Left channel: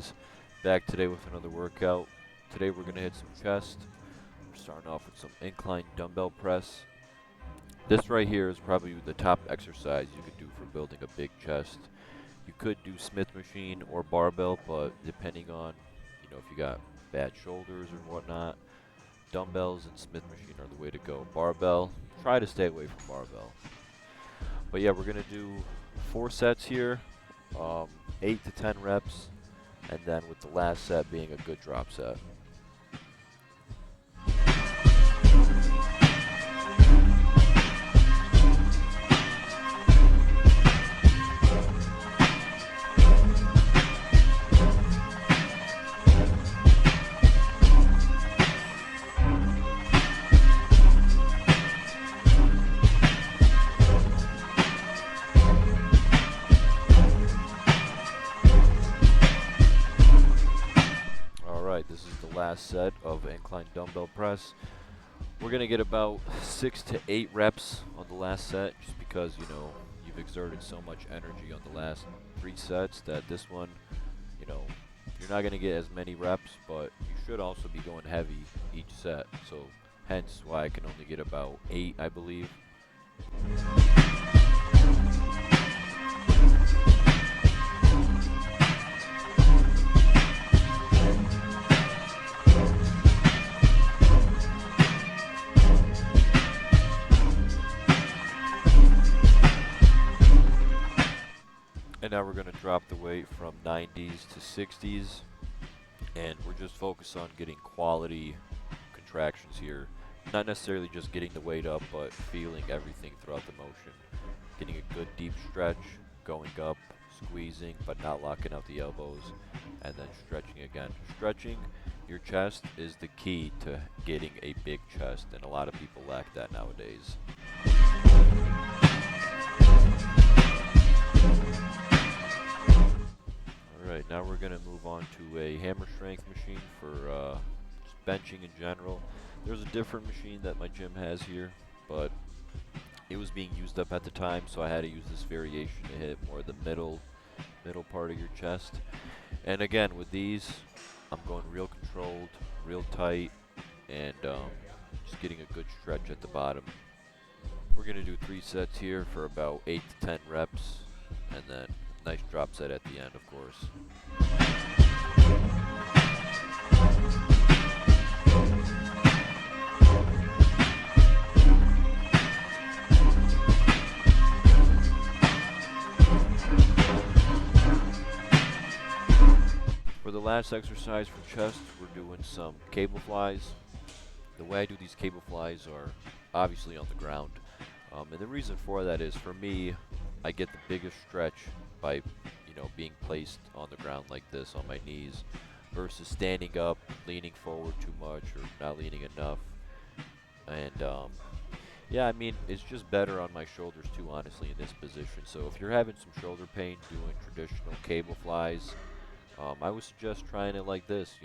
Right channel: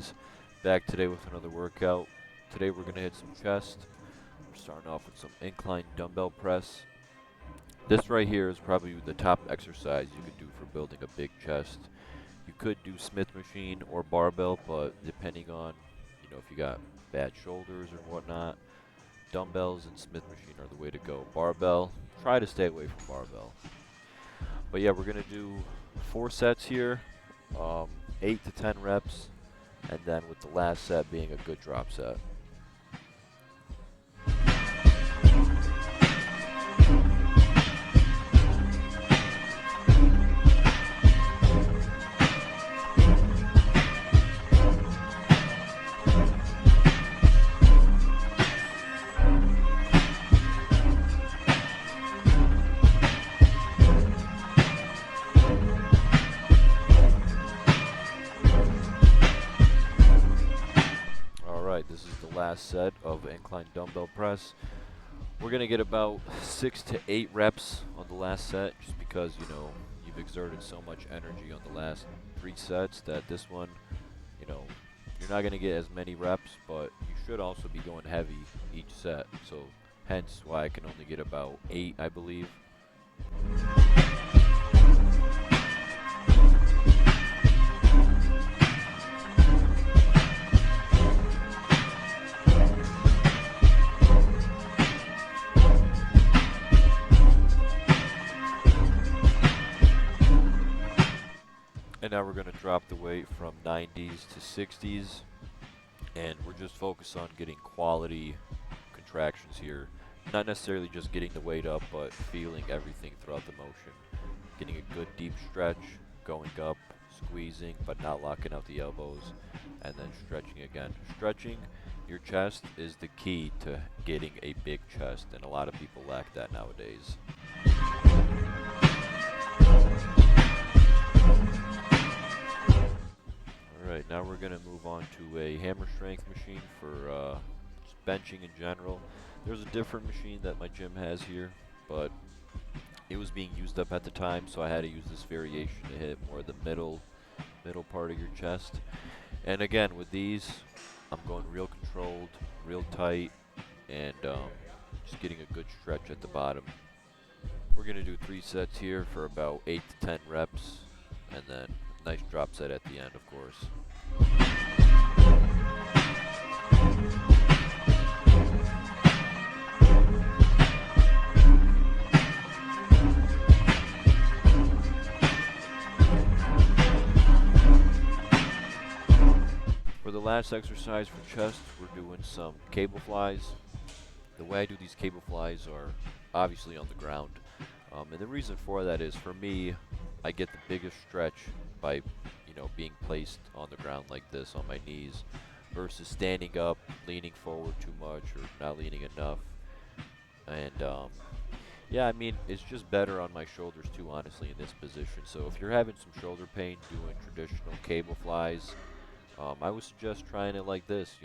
guys? Back today with another workout. Today we're going to hit some chest. We're starting off with some incline dumbbell press. This right here is probably the top exercise you could do for building a big chest. You could do Smith machine or barbell, but depending on, if you got bad shoulders or whatnot, dumbbells and Smith machine are the way to go. Barbell, try to stay away from barbell. But yeah, we're going to do 4 sets here, 8 to 10 reps, and then with the last set being a good drop set. This is the last set of incline dumbbell press. We're going to get about 6 to 8 reps on the last set just because, you've exerted so much energy on the last 3 sets that this one, you're not going to get as many reps, but you should also be going heavy each set. So hence why I can only get about 8, I believe. And now we're going to drop the weight from 90s to 60s, and we're just focused on getting quality contractions here. Not necessarily just getting the weight up, but feeling everything throughout the motion. Getting a good deep stretch, going up, squeezing, but not locking out the elbows, and then stretching again. Stretching your chest is the key to getting a big chest, and a lot of people lack that nowadays. Alright, now we're going to move on to a hammer strength machine for just benching in general. There's a different machine that my gym has here, but it was being used up at the time, so I had to use this variation to hit more of the middle part of your chest. And again, with these, I'm going real controlled, real tight, and just getting a good stretch at the bottom. We're going to do 3 sets here for about 8 to 10 reps, and then nice drop set at the end, of course. For the last exercise for chest, we're doing some cable flies. The way I do these cable flies are obviously on the ground. And the reason for that is, for me, I get the biggest stretch by, being placed on the ground like this on my knees versus standing up, leaning forward too much or not leaning enough. And yeah, I mean, it's just better on my shoulders too, honestly, in this position. So if you're having some shoulder pain doing traditional cable flies, I would suggest trying it like this,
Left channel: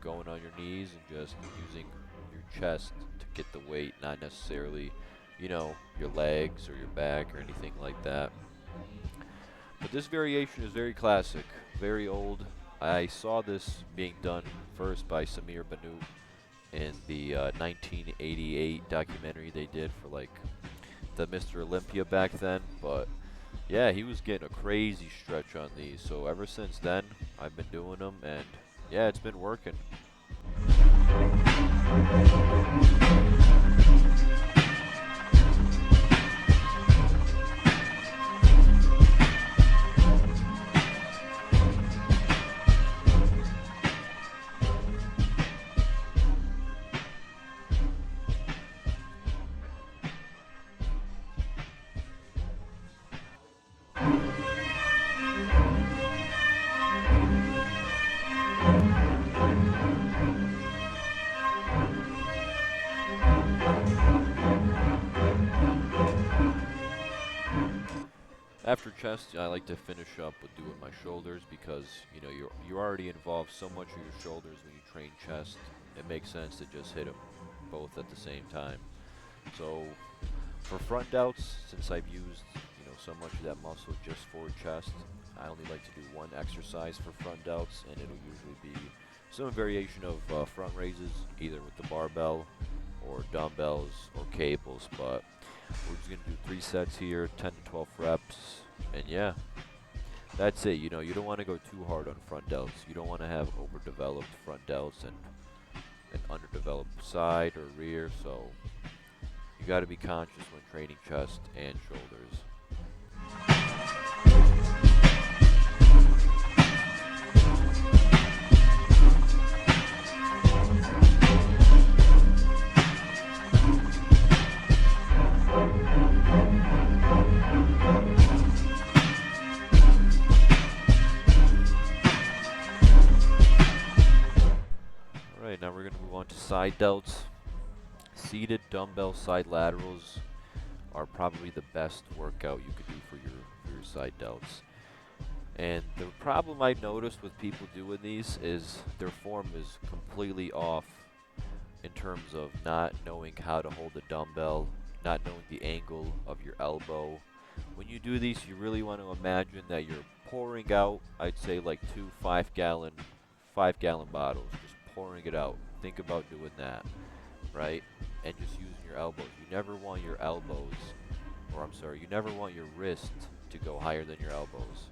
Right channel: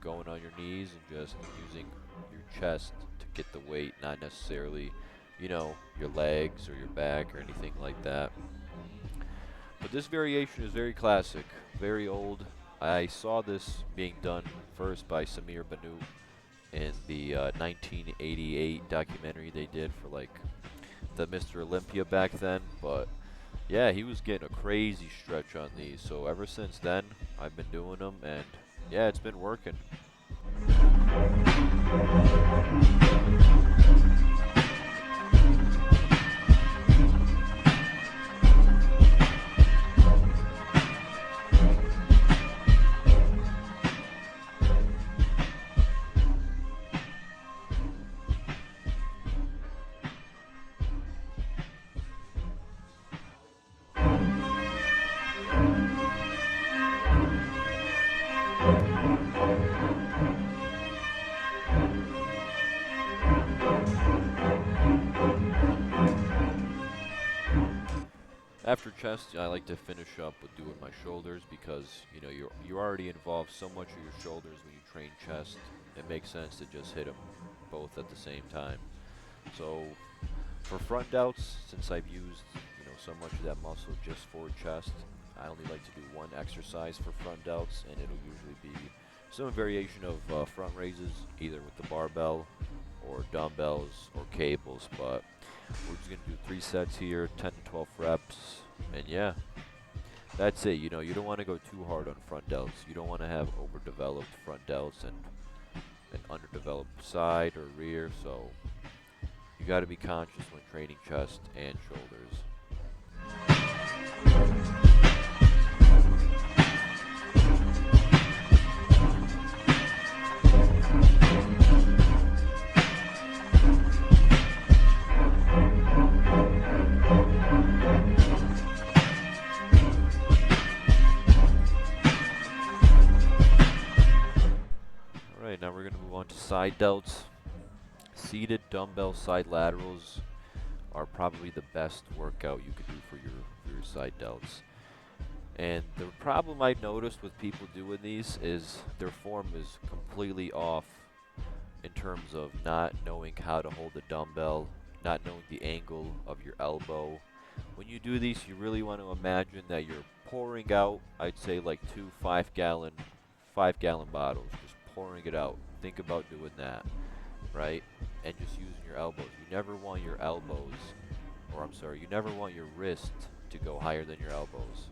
going on your knees and just using your chest to get the weight, not necessarily, your legs or your back or anything like that. But this variation is very classic, very old. I saw this being done first by Samir Bannout in the 1988 documentary they did for the Mr. Olympia back then. But yeah, he was getting a crazy stretch on these. So ever since then, I've been doing them, and yeah, it's been working. After chest, I like to finish up with doing my shoulders because, you already involve so much of your shoulders when you train chest. It makes sense to just hit them both at the same time. So for front delts, since I've used, so much of that muscle just for chest, I only like to do one exercise for front delts, and it'll usually be some variation of front raises, either with the barbell or dumbbells or cables. But we're just gonna do 3 sets here, 10 to 12 reps, and yeah, that's it. You know, you don't want to go too hard on front delts. You don't want to have overdeveloped front delts and an underdeveloped side or rear. So you got to be conscious when training chest and shoulders. Alright, now we're going to move on to side delts. Seated dumbbell side laterals are probably the best workout you could do for your side delts. And the problem I noticed with people doing these is their form is completely off in terms of not knowing how to hold the dumbbell, not knowing the angle of your elbow. When you do these, you really want to imagine that you're pouring out, I'd say like 2 5-gallon bottles, just pouring it out. Think about doing that, right? And just using your elbows. You never want your elbows, or I'm sorry, you never want your wrist to go higher than your elbows,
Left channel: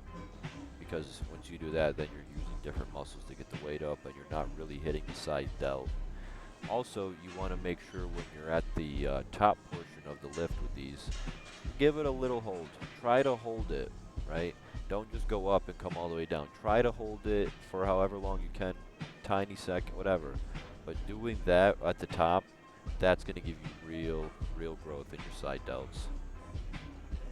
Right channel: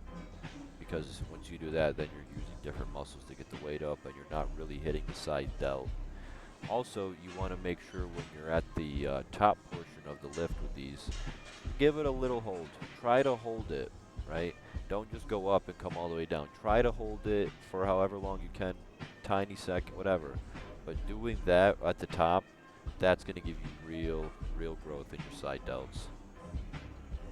because once you do that, then you're using different muscles to get the weight up, and you're not really hitting the side delt. Also, you want to make sure when you're at the top portion of the lift with these, give it a little hold. Try to hold it, right? Don't just go up and come all the way down. Try to hold it for however long you can, tiny second, whatever. But doing that at the top, that's going to give you real growth in your side delts.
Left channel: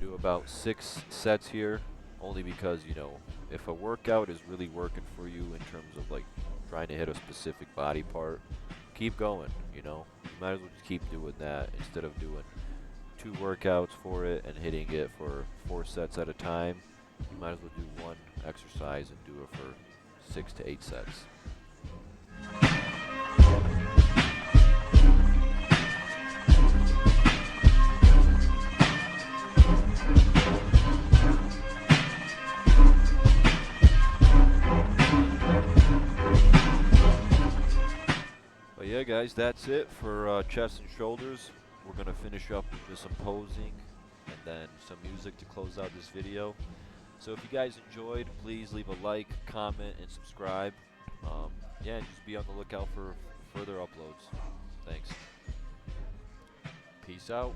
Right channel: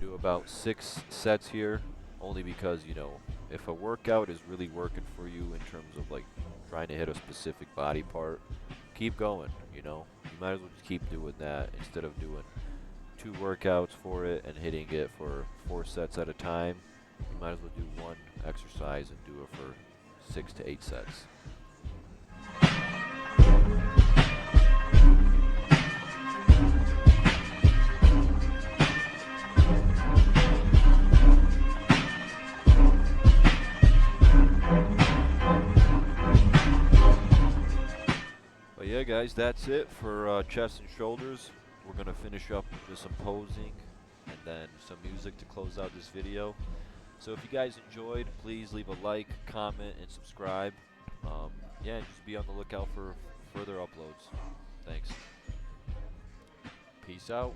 Do about 6 sets here, only because, you know, if a workout is really working for you in terms of like trying to hit a specific body part, keep going, you know. You might as well just keep doing that instead of doing 2 workouts for it and hitting it for 4 sets at a time. You might as well do one exercise and do it for 6 to 8 sets. But yeah, guys, that's it for chest and shoulders. We're going to finish up with just some posing and then some music to close out this video. So if you guys enjoyed, please leave a like, comment, and subscribe. Yeah, and just be on the lookout for further uploads. Thanks. Peace out.